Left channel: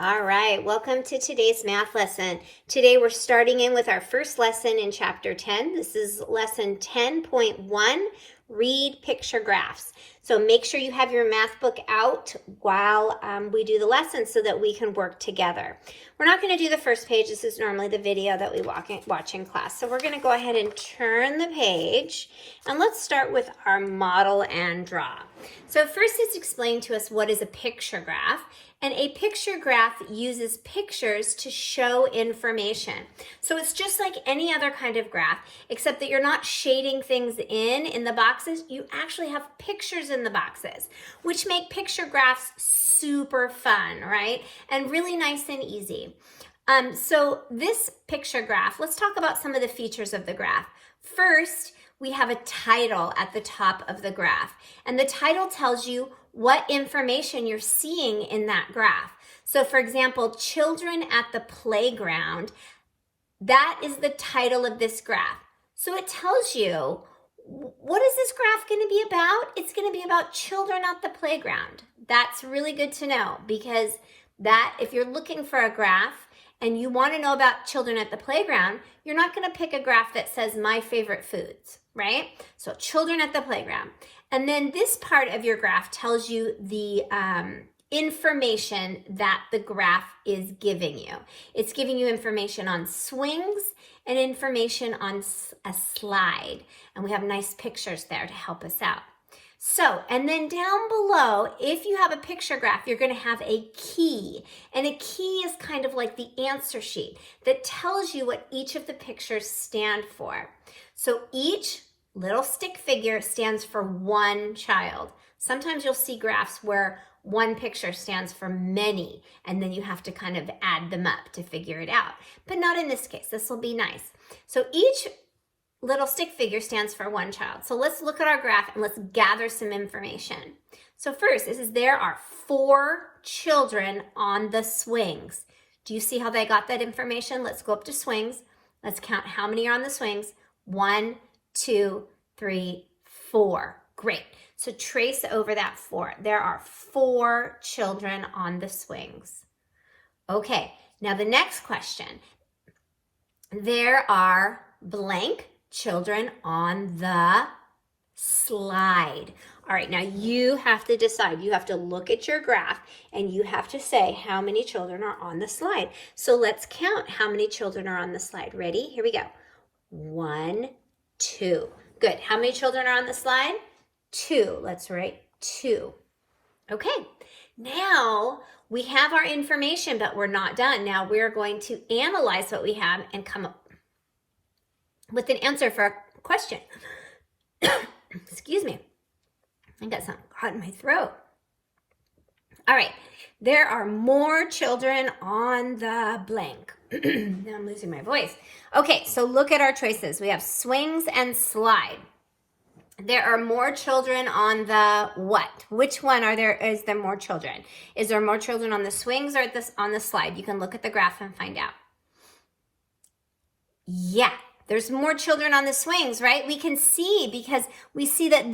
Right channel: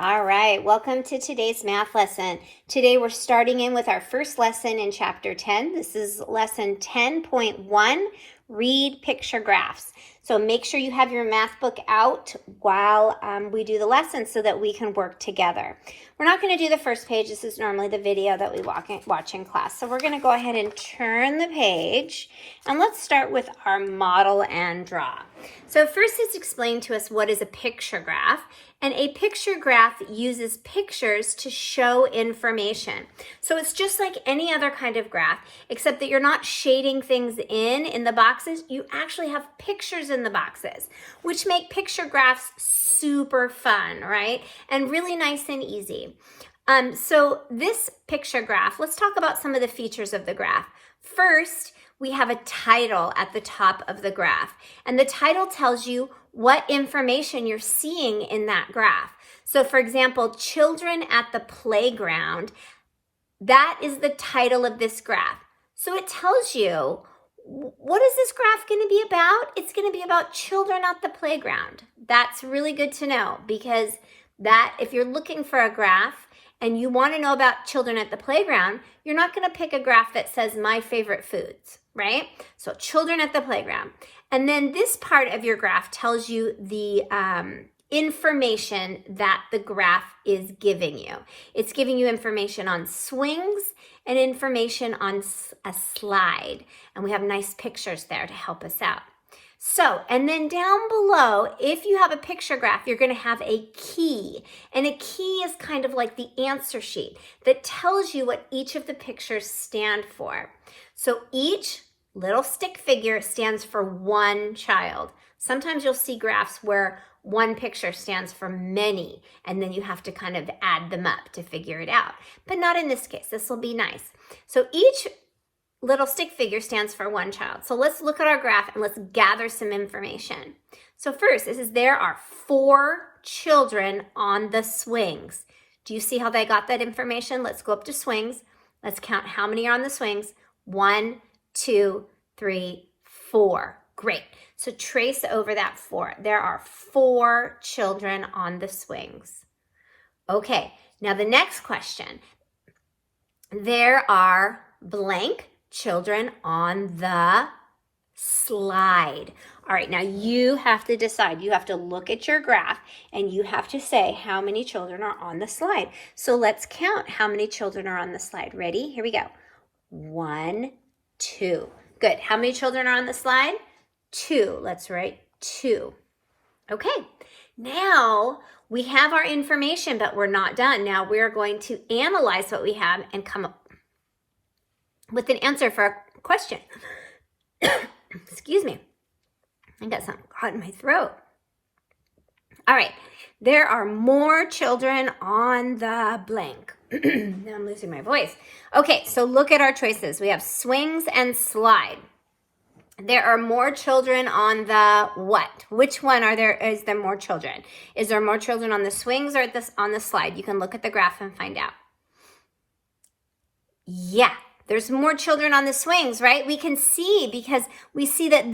All right, welcome to today's math lesson. Today we're starting in with our first lesson in chapter 10. This is lesson 10.1, read picture graphs. So make sure you have your math book out while we do the lesson so that we can work together. We're not going to do the first page. This is normally the video that we watch in class. So we're going to go ahead and turn the page and let's start with our model and draw. So first it's explained to us what is a picture graph. And a picture graph uses pictures to show information. So it's just like any other kind of graph, except that you're not shading things in the boxes. You actually have pictures in the boxes, which make picture graphs super fun, right? And really nice and easy. So this picture graph, let's talk about some of the features of the graph. First, we have a title at the top of the graph, and the title tells you what information you're seeing in that graph. So for example, children at the playground, that is the title of this graph. So it tells you, what is this graph going to be about? It's going to be about children at the playground. That's really good to know, because that if you're looking for a graph and you want to know about children at the playground, you're not going to pick a graph that says my favorite foods, right? So children at the playground. And then this part of your graph tells you the information that the graph is giving you. It's giving you information on swings and information on a slide. And we have nice pictures there to help us out. So, and then down below, if you have a picture graph, you're going to have a key. And a key is kind of like the answer sheet that tells you what each of the pictures stand for. So each little stick figure stands for one child. Sometimes you'll see graphs where one picture stands for many, and then you have to kind of add them up to figure it out. But not in this case. This will be nice. So each little stick figure stands for one child. So let's look at our graph and let's gather some information. So first, it says there are 4 children on the swings. Do you see how they got that information? Let's go up to swings. Let's count how many are on the swings. 1, 2, 3, 4. Great. So trace over that 4. There are 4 children on the swings. Okay, now the next question. There are blank children on the slide. All right, now you have to decide. You have to look at your graph and you have to say how many children are on the slide. So let's count how many children are on the slide. Ready? Here we go. 1, 2. Good. How many children are on the slide? 2. Let's write 2. Okay. Now we have our information, but we're not done. Now we're going to analyze what we have and come up with an answer for our question. Excuse me. I got something caught in my throat. All right. There are more children on the blank. Now I'm losing my voice. Okay, so look at our choices. We have swings and slide. There are more children on the what? Which one is there more children? Is there more children on the swings or on the slide? You can look at the graph and find out. Yeah, there's more children on the swings, right? We can see because we see that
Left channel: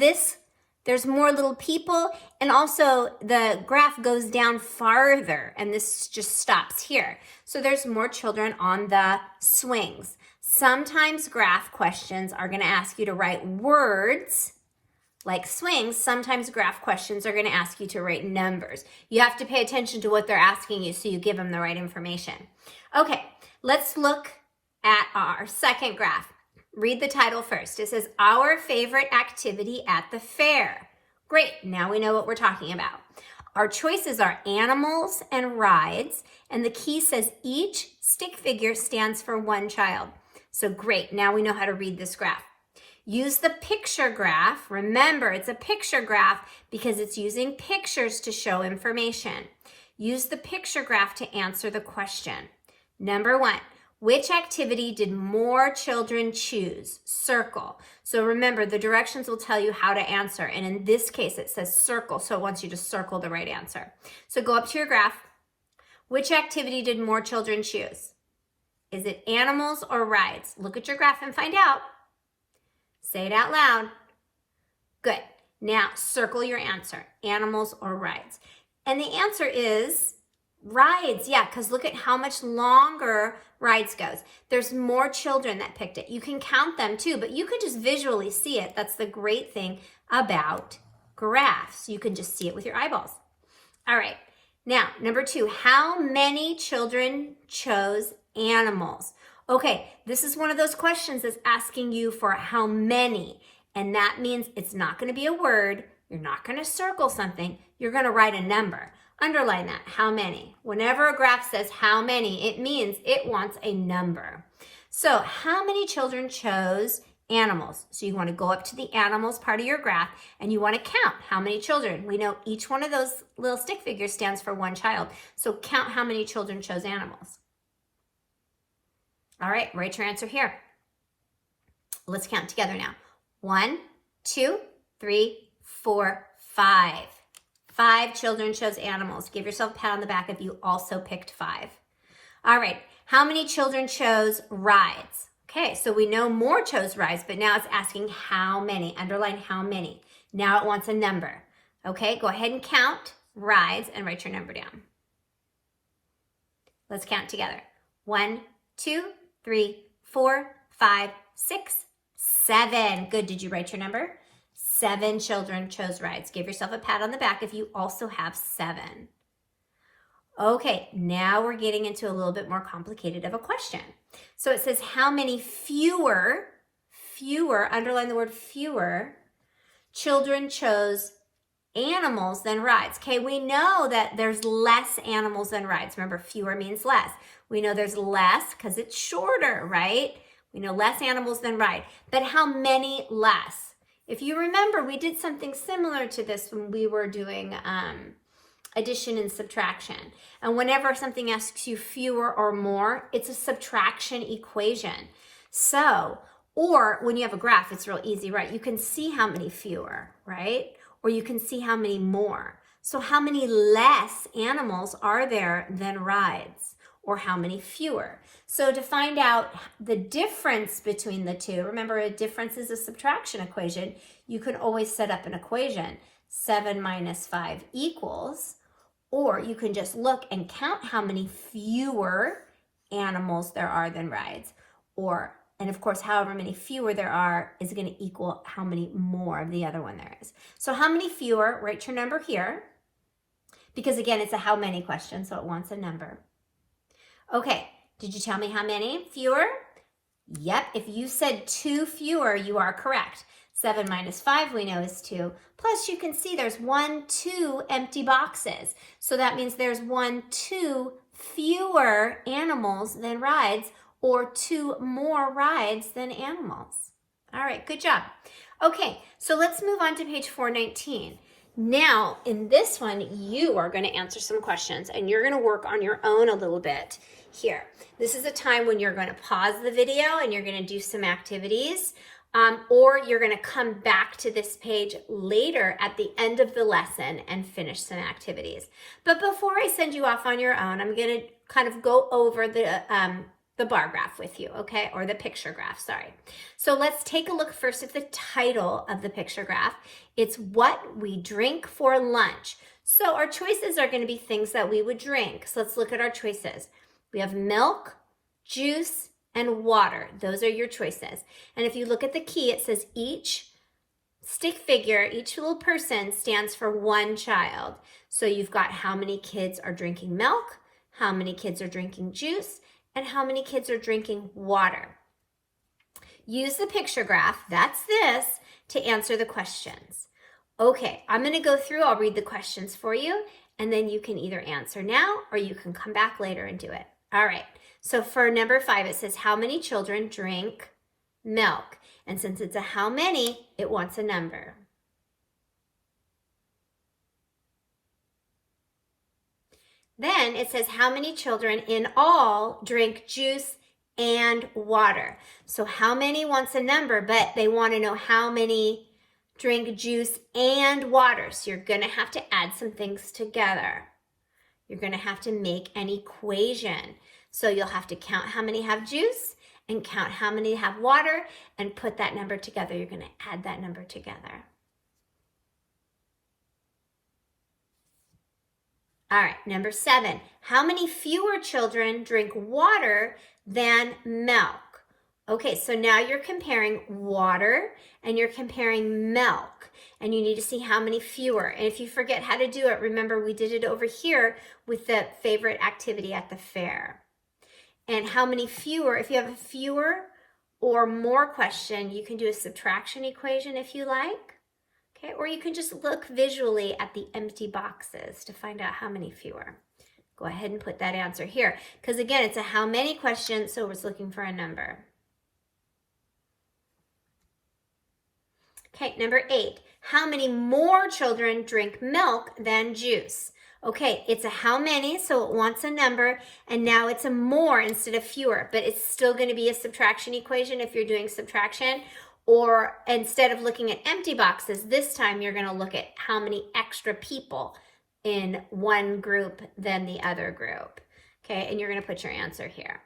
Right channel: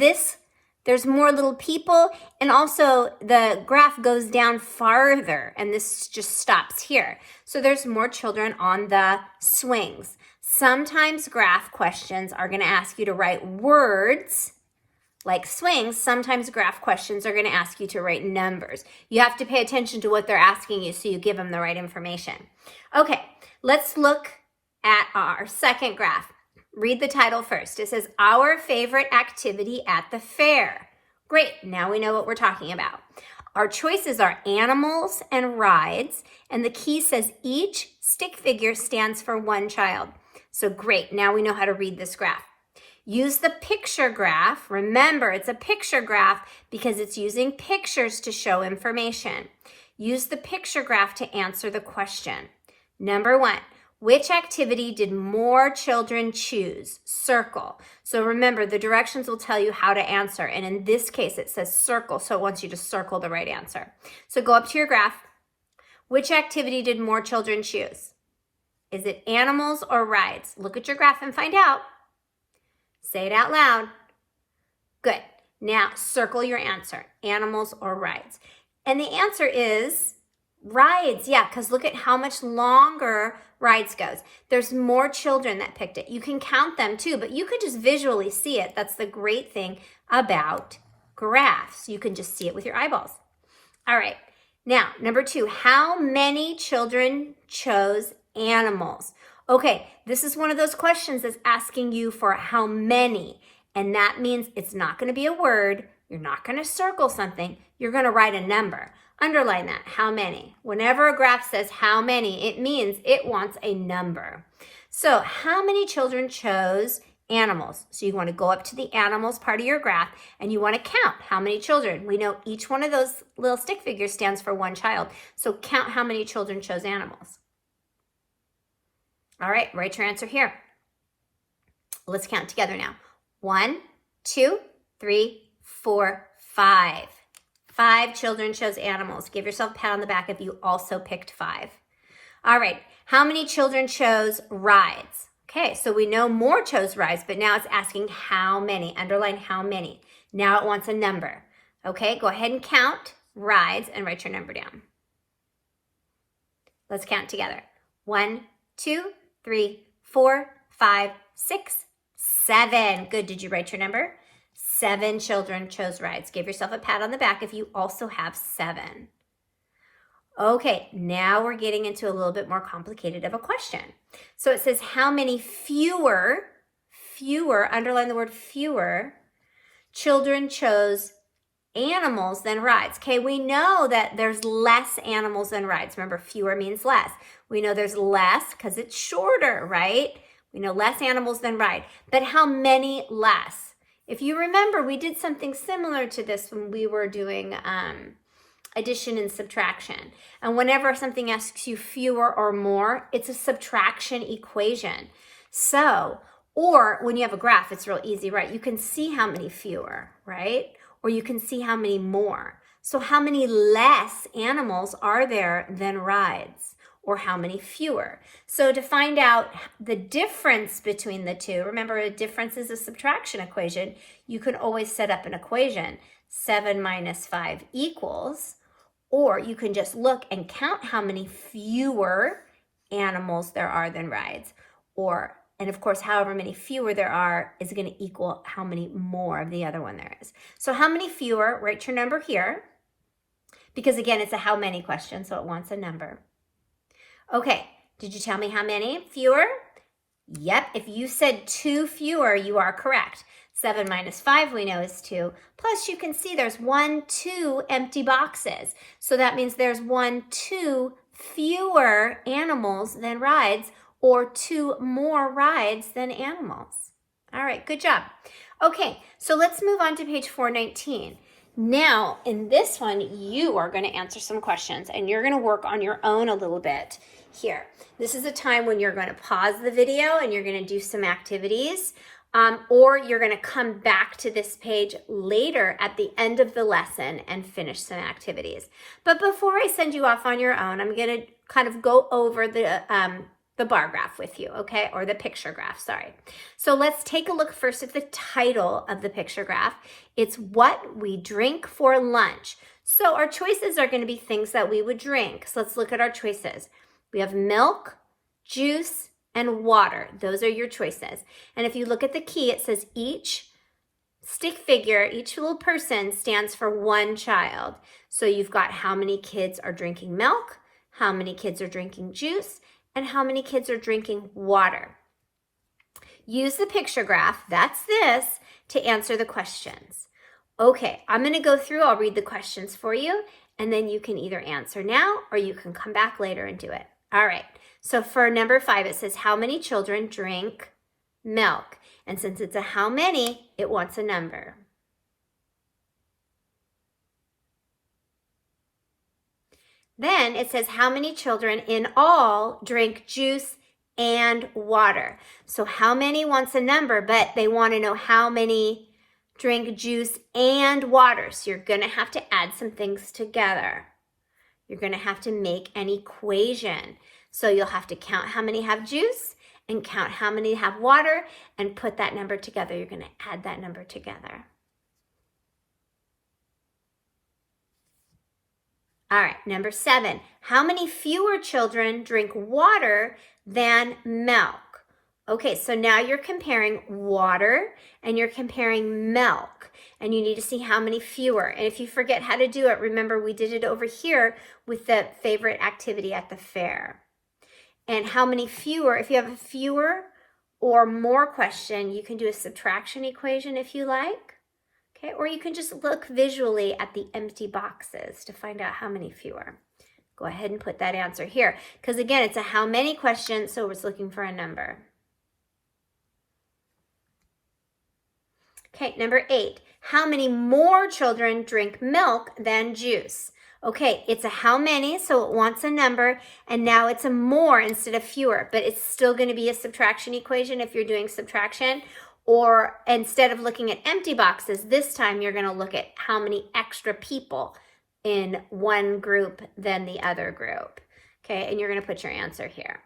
there's more little people, and also the graph goes down farther and this just stops here. So there's more children on the swings. Sometimes graph questions are going to ask you to write words like swings. Sometimes graph questions are going to ask you to write numbers. You have to pay attention to what they're asking you so you give them the right information. Okay, let's look at our second graph. Read the title first. It says, Our Favorite Activity at the Fair. Great, now we know what we're talking about. Our choices are animals and rides, and the key says each stick figure stands for one child. So great, now we know how to read this graph. Use the picture graph. Remember, it's a picture graph because it's using pictures to show information. Use the picture graph to answer the question. Number 1. Which activity did more children choose? Circle. So remember, the directions will tell you how to answer. And in this case, it says circle. So it wants you to circle the right answer. So go up to your graph. Which activity did more children choose? Is it animals or rides? Look at your graph and find out. Say it out loud. Good. Now circle your answer. Animals or rides. And the answer is Rides, yeah, because look at how much longer rides goes. There's more children that picked it. You can count them too, but you could just visually see it. That's the great thing about graphs. You can just see it with your eyeballs. All right, now number 2, how many children chose animals? Okay, this is one of those questions that's asking you for how many, and that means it's not going to be a word. You're not going to circle something. You're going to write a number. Underline that, how many. Whenever a graph says how many, it means it wants a number. So how many children chose animals? So you want to go up to the animals part of your graph and you want to count how many children. We know each one of those little stick figures stands for one child. So count how many children chose animals. All right, write your answer here. Let's count together now. 1, 2, 3, 4, 5. 5 children chose animals. Give yourself a pat on the back if you also picked 5. All right, how many children chose rides? Okay, so we know more chose rides, but now it's asking how many. Underline how many. Now it wants a number. Okay, go ahead and count rides and write your number down. Let's count together. 1, 2, 3, 4, 5, 6, 7. Good, did you write your number? 7 children chose rides. Give yourself a pat on the back if you also have 7. Okay, now we're getting into a little bit more complicated of a question. So it says how many fewer, underline the word fewer, children chose animals than rides. Okay, we know that there's less animals than rides. Remember, fewer means less. We know there's less because it's shorter, right? We know less animals than ride. But how many less? If you remember, we did something similar to this when we were doing addition and subtraction. And whenever something asks you fewer or more, it's a subtraction equation. So, or when you have a graph, it's real easy, right? You can see how many fewer, right? Or you can see how many more. So how many less animals are there than rides? Or how many fewer? So to find out the difference between the two, remember a difference is a subtraction equation, you can always set up an equation. 7 minus 5 equals, or you can just look and count how many fewer animals there are than rides. And of course, however many fewer there are is going to equal how many more of the other one there is. So how many fewer, write your number here, because again, it's a how many question, so it wants a number. Okay, did you tell me how many fewer? Yep, if you said 2 fewer, you are correct. 7 minus 5 we know is 2. Plus you can see there's 1, 2 empty boxes. So that means there's 1, 2 fewer animals than rides, or 2 more rides than animals. All right, good job. Okay, so let's move on to page 419. Now, in this one, you are going to answer some questions and you're going to work on your own a little bit here. This is a time when you're going to pause the video and you're going to do some activities, or you're going to come back to this page later at the end of the lesson and finish some activities. But before I send you off on your own, I'm going to kind of go over the bar graph with you, okay? Or the picture graph, sorry. So let's take a look first at the title of the picture graph. It's what we drink for lunch. So our choices are going to be things that we would drink. So let's look at our choices. We have milk, juice, and water. Those are your choices. And if you look at the key, it says each stick figure, each little person stands for one child. So you've got how many kids are drinking milk, how many kids are drinking juice, and how many kids are drinking water. Use the picture graph, that's this, to answer the questions. Okay, I'm going to go through, I'll read the questions for you, and then you can either answer now or you can come back later and do it. All right, so for number 5, it says how many children drink milk? And since it's a how many, it wants a number. Then it says how many children in all drink juice and water. So how many wants a number, but they want to know how many drink juice and water. So you're going to have to add some things together. You're going to have to make an equation. So you'll have to count how many have juice and count how many have water and put that number together. You're going to add that number together. All right, number 7. How many fewer children drink water than milk? Okay, so now you're comparing water and you're comparing milk. And you need to see how many fewer. And if you forget how to do it, remember we did it over here with the favorite activity at the fair. And how many fewer, if you have a fewer or more question, you can do a subtraction equation if you like. Okay, or you can just look visually at the empty boxes to find out how many fewer. Go ahead and put that answer here. Because again, it's a how many question, so it's looking for a number. Okay, number 8. How many more children drink milk than juice? Okay, it's a how many, so it wants a number, and now it's a more instead of fewer, but it's still going to be a subtraction equation if you're doing subtraction. Or instead of looking at empty boxes, this time you're going to look at how many extra people in one group than the other group. Okay, and you're going to put your answer here.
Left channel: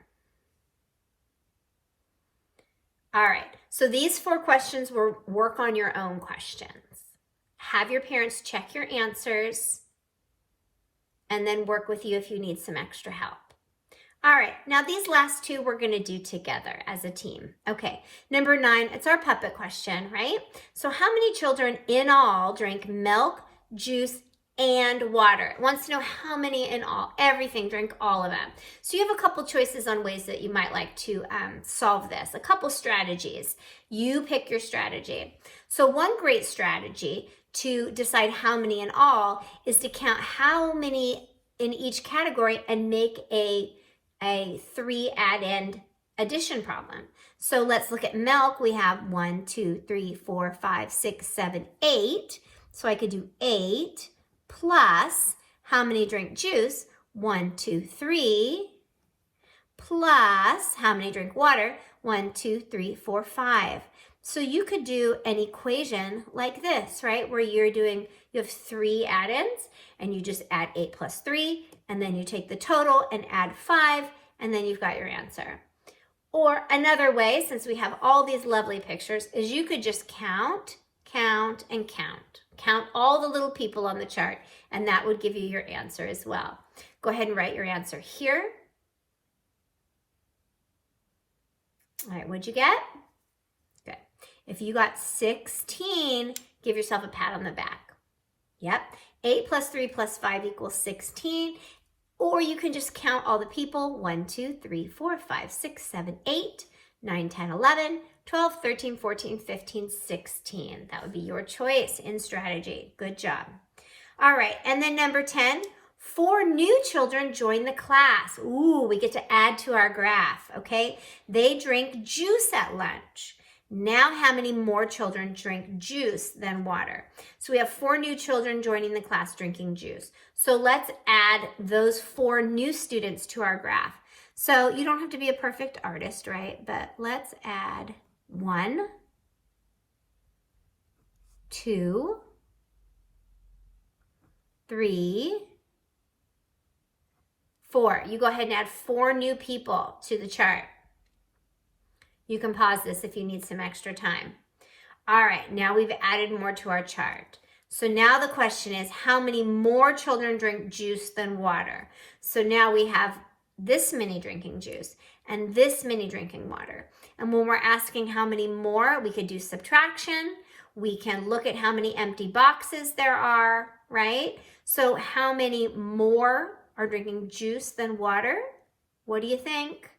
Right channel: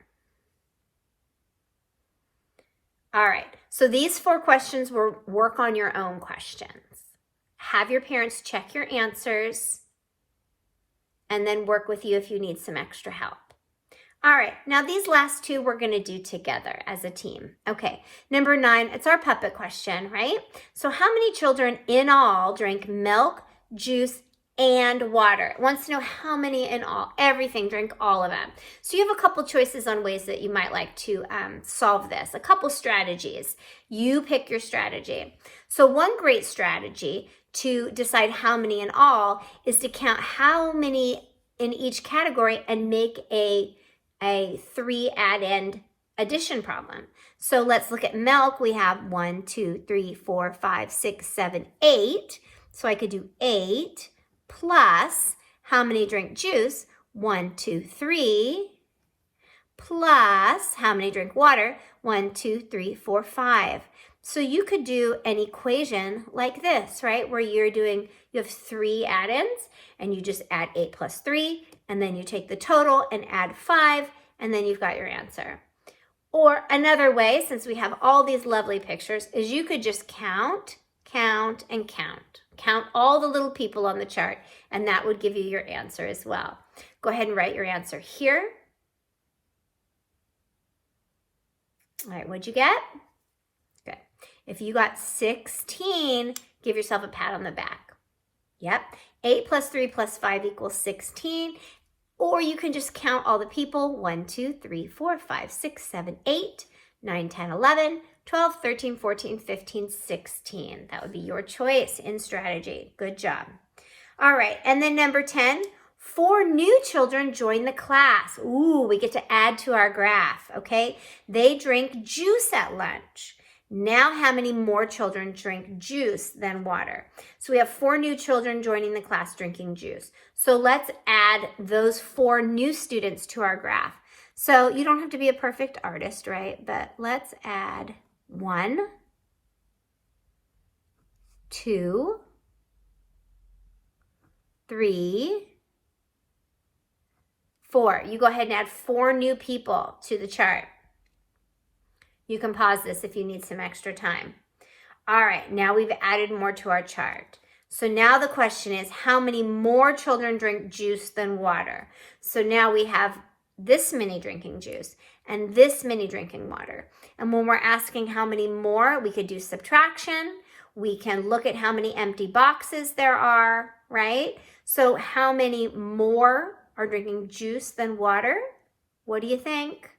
All right, so these 4 questions will work on your own questions. Have your parents check your answers and then work with you if you need some extra help. All right, now these last 2 we're going to do together as a team. Okay, number 9, it's our puppet question, right? So how many children in all drink milk, juice, and water? It wants to know how many in all, everything, drink all of them. So you have a couple choices on ways that you might like to solve this, a couple strategies. You pick your strategy. So one great strategy to decide how many in all is to count how many in each category and make a 3 add-end addition problem. So let's look at milk. We have 1, 2, 3, 4, 5, 6, 7, 8. So I could do 8 plus how many drink juice? 1, 2, 3 plus how many drink water? 1, 2, 3, 4, 5. So you could do an equation like this, right? Where you have 3 add-ins and you just add 8 plus 3, and then you take the total and add 5, and then you've got your answer. Or another way, since we have all these lovely pictures, is you could just count, count, and count. Count all the little people on the chart, and that would give you your answer as well. Go ahead and write your answer here. All right, what'd you get? Good. If you got 16, give yourself a pat on the back. Yep. 8 plus 3 plus 5 equals 16. Or you can just count all the people. 1, 2, 3, 4, 5, 6, 7, 8, 9, 10, 11, 12, 13, 14, 15, 16. That would be your choice in strategy. Good job. All right, and then number 10, 4 new children join the class. Ooh, we get to add to our graph, okay? They drink juice at lunch. Now how many more children drink juice than water? So we have 4 new children joining the class drinking juice. So let's add those 4 new students to our graph. So you don't have to be a perfect artist, right? But let's add 1, 2, 3, 4. You go ahead and add 4 new people to the chart. You can pause this if you need some extra time. All right, now we've added more to our chart. So now the question is, how many more children drink juice than water? So now we have this many drinking juice and this many drinking water. And when we're asking how many more, we could do subtraction. We can look at how many empty boxes there are, right? So how many more are drinking juice than water? What do you think?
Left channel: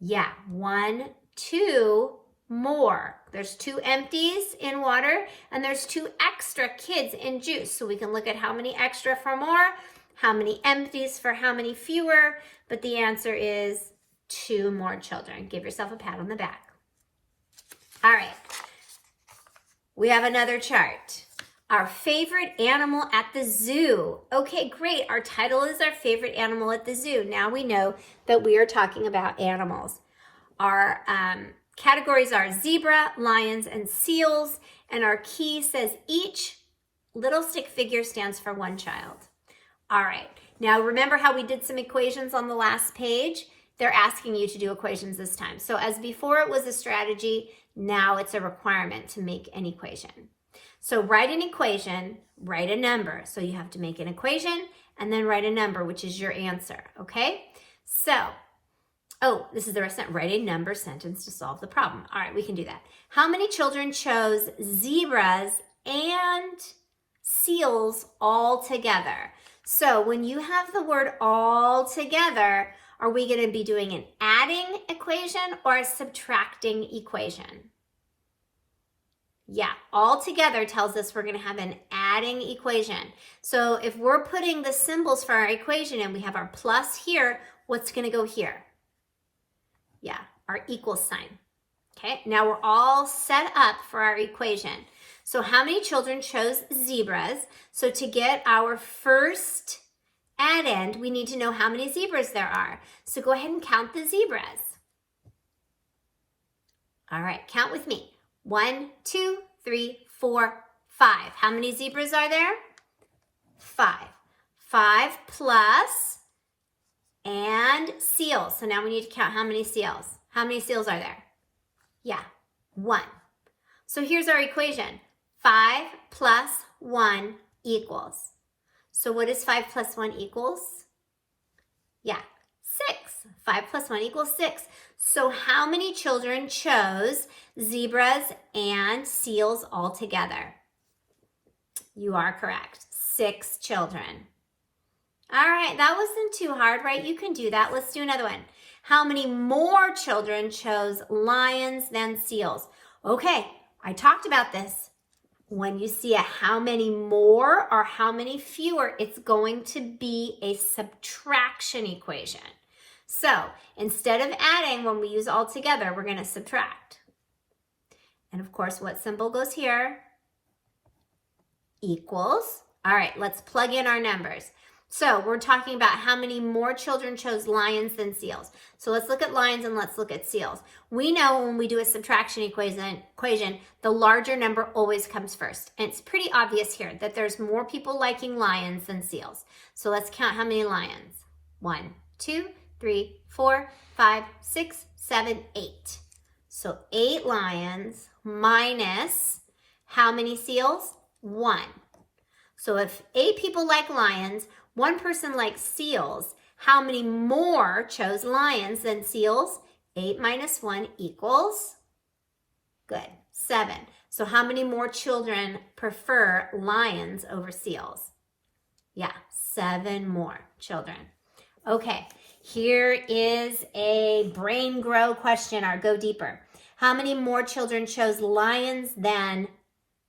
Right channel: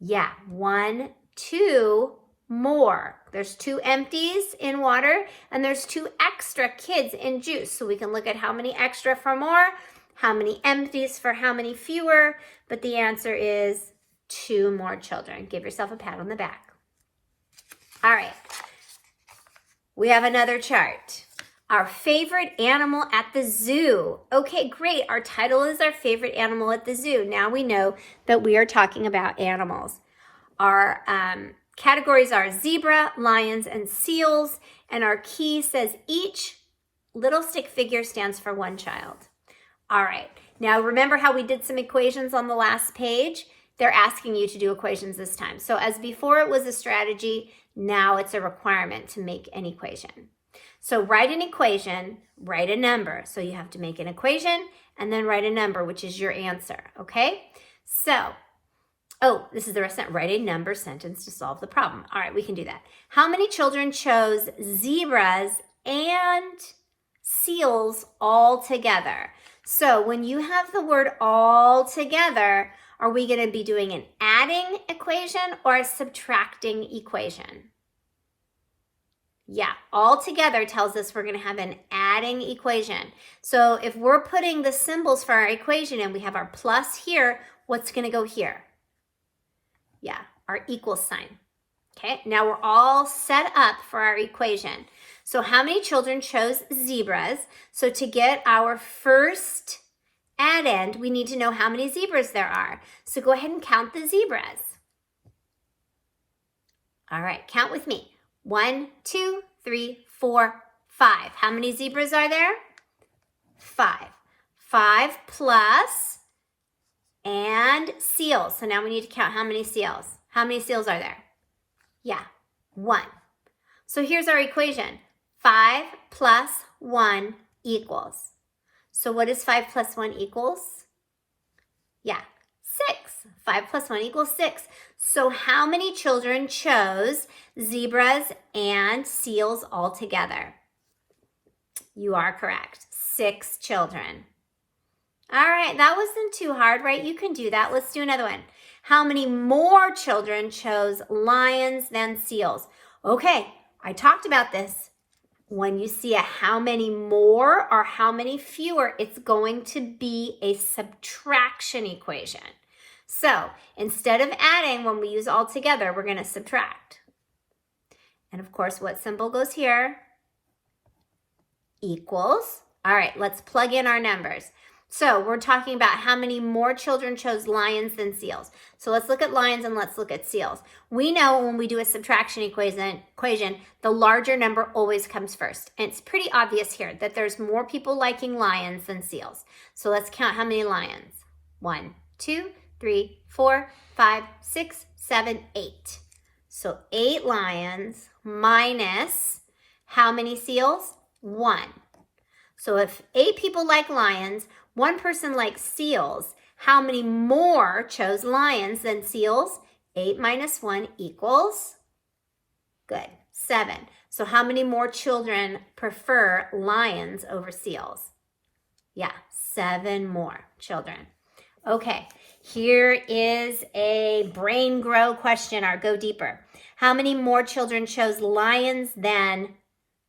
Yeah, 1, 2 more. There's 2 empties in water and there's 2 extra kids in juice. So we can look at how many extra for more, how many empties for how many fewer, but the answer is 2 more children. Give yourself a pat on the back. All right, we have another chart. Our favorite animal at the zoo. Okay, great. Our title is our favorite animal at the zoo. Now we know that we are talking about animals. Our categories are zebra, lions, and seals. And our key says each little stick figure stands for 1 child. All right. Now remember how we did some equations on the last page? They're asking you to do equations this time. So as before it was a strategy, now it's a requirement to make an equation. So write an equation, write a number. So you have to make an equation and then write a number, which is your answer, okay? So, oh, this is the rest of it. Write a number sentence to solve the problem. All right, we can do that. How many children chose zebras and seals all together? So when you have the word all together, are we going to be doing an adding equation or a subtracting equation? Yeah, all together tells us we're going to have an adding equation. So if we're putting the symbols for our equation and we have our plus here, what's going to go here? Yeah, our equal sign. Okay, now we're all set up for our equation. So how many children chose zebras? So to get our first addend, we need to know how many zebras there are. So go ahead and count the zebras. All right, count with me. 1, 2, 3, 4, 5. How many zebras are there? 5. 5 plus and seals. So now we need to count how many seals. How many seals are there? Yeah, 1. So here's our equation. 5 plus 1 equals. So what is 5 plus 1 equals? Yeah, 6. 5 plus 1 equals 6. So how many children chose zebras and seals all together? You are correct. 6 children. All right, that wasn't too hard, right? You can do that. Let's do another one. How many more children chose lions than seals? Okay, I talked about this. When you see a how many more or how many fewer, it's going to be a subtraction equation. So instead of adding, when we use all together, we're going to subtract. And of course, what symbol goes here? Equals. All right, let's plug in our numbers. So we're talking about how many more children chose lions than seals. So let's look at lions and let's look at seals. We know when we do a subtraction equation, the larger number always comes first. And it's pretty obvious here that there's more people liking lions than seals. So let's count how many lions. 1, 2, 3, 4, 5, 6, 7, 8. So 8 lions minus how many seals? 1. So if 8 people like lions, 1 person likes seals, how many more chose lions than seals? 8 minus 1 equals? Good, 7. So how many more children prefer lions over seals? Yeah, 7 more children. Okay, here is a brain grow question or go deeper. How many more children chose lions than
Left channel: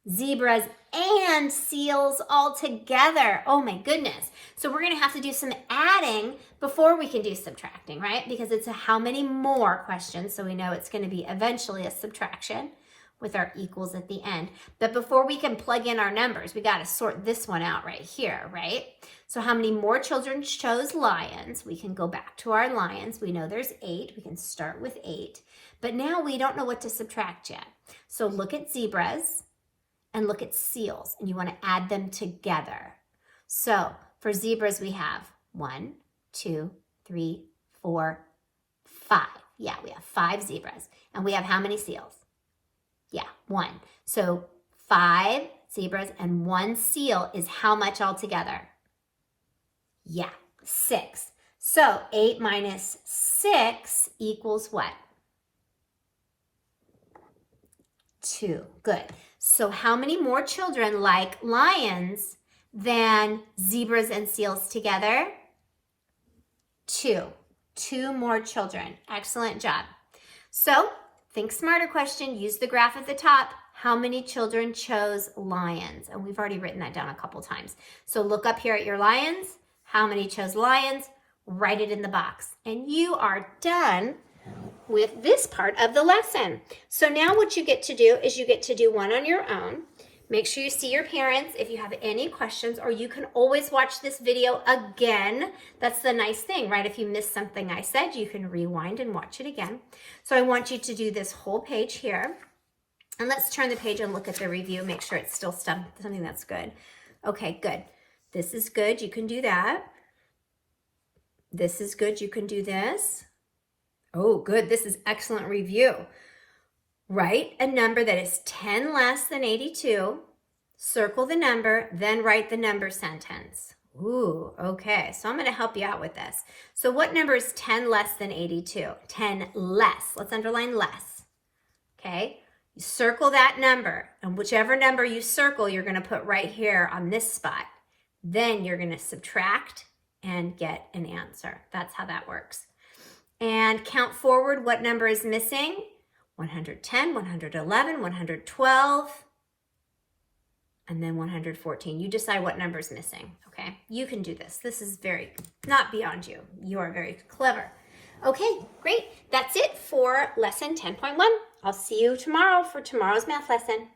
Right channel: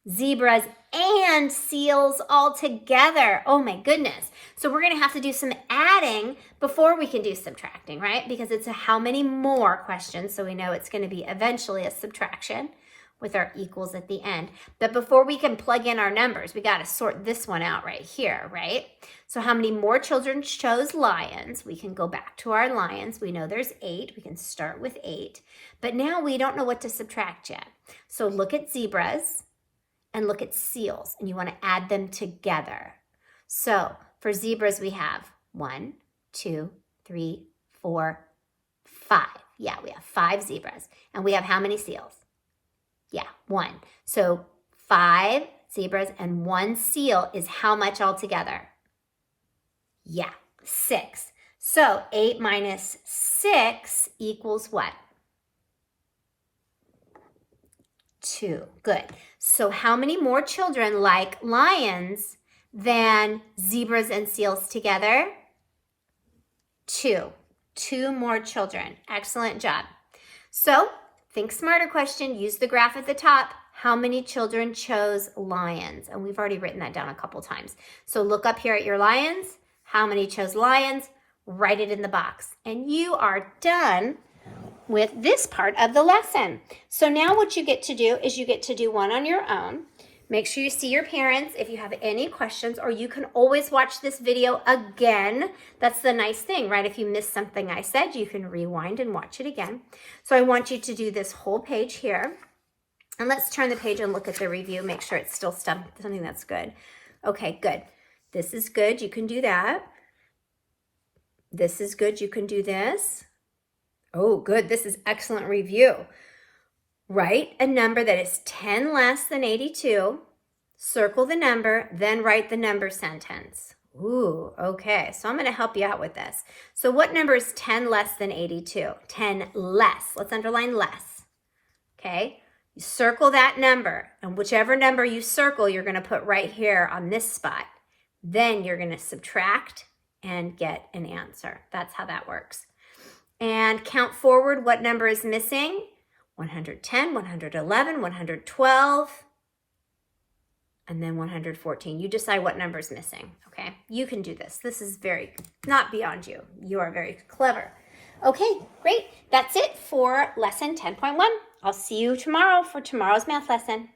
zebras and seals all together? Oh my goodness. So we're going to have to do some adding before we can do subtracting, right? Because it's a how many more question. So we know it's going to be eventually a subtraction with our equals at the end. But before we can plug in our numbers, we got to sort this one out right here, right? So how many more children chose lions? We can go back to our lions. We know there's 8. We can start with 8. But now we don't know what to subtract yet. So look at zebras and look at seals, and you want to add them together. So for zebras, we have 1, 2, 3, 4, 5. Yeah, we have 5 zebras. And we have how many seals? Yeah, 1. So 5 zebras and 1 seal is how much altogether? Yeah, 6. So 8 minus 6 equals what? 2. Good. So how many more children like lions than zebras and seals together? 2. 2 more children. Excellent job. So think smarter question. Use the graph at the top. How many children chose lions? And we've already written that down a couple times. So look up here at your lions. How many chose lions? Write it in the box. And you are done with this part of the lesson. So now what you get to do is you get to do one on your own. Make sure you see your parents if you have any questions, or you can always watch this video again. That's the nice thing, right? If you missed something I said, you can rewind and watch it again. So I want you to do this whole page here. And let's turn the page and look at the review. Make sure it's still something that's good. Okay, good. This is good. You can do that. This is good. You can do this. Oh, good. This is excellent review. Write a number that is 10 less than 82. Circle the number, then write the number sentence. Ooh, okay. So I'm going to help you out with this. So what number is 10 less than 82? 10 less. Let's underline less. Okay. You circle that number, and whichever number you circle, you're going to put right here on this spot. Then you're going to subtract and get an answer. That's how that works. And count forward, what number is missing? 110, 111, 112, and then 114. You decide what number is missing, okay? You can do this. This is not beyond you. You are very clever. Okay, great. That's it for lesson 10.1. I'll see you tomorrow for tomorrow's math lesson.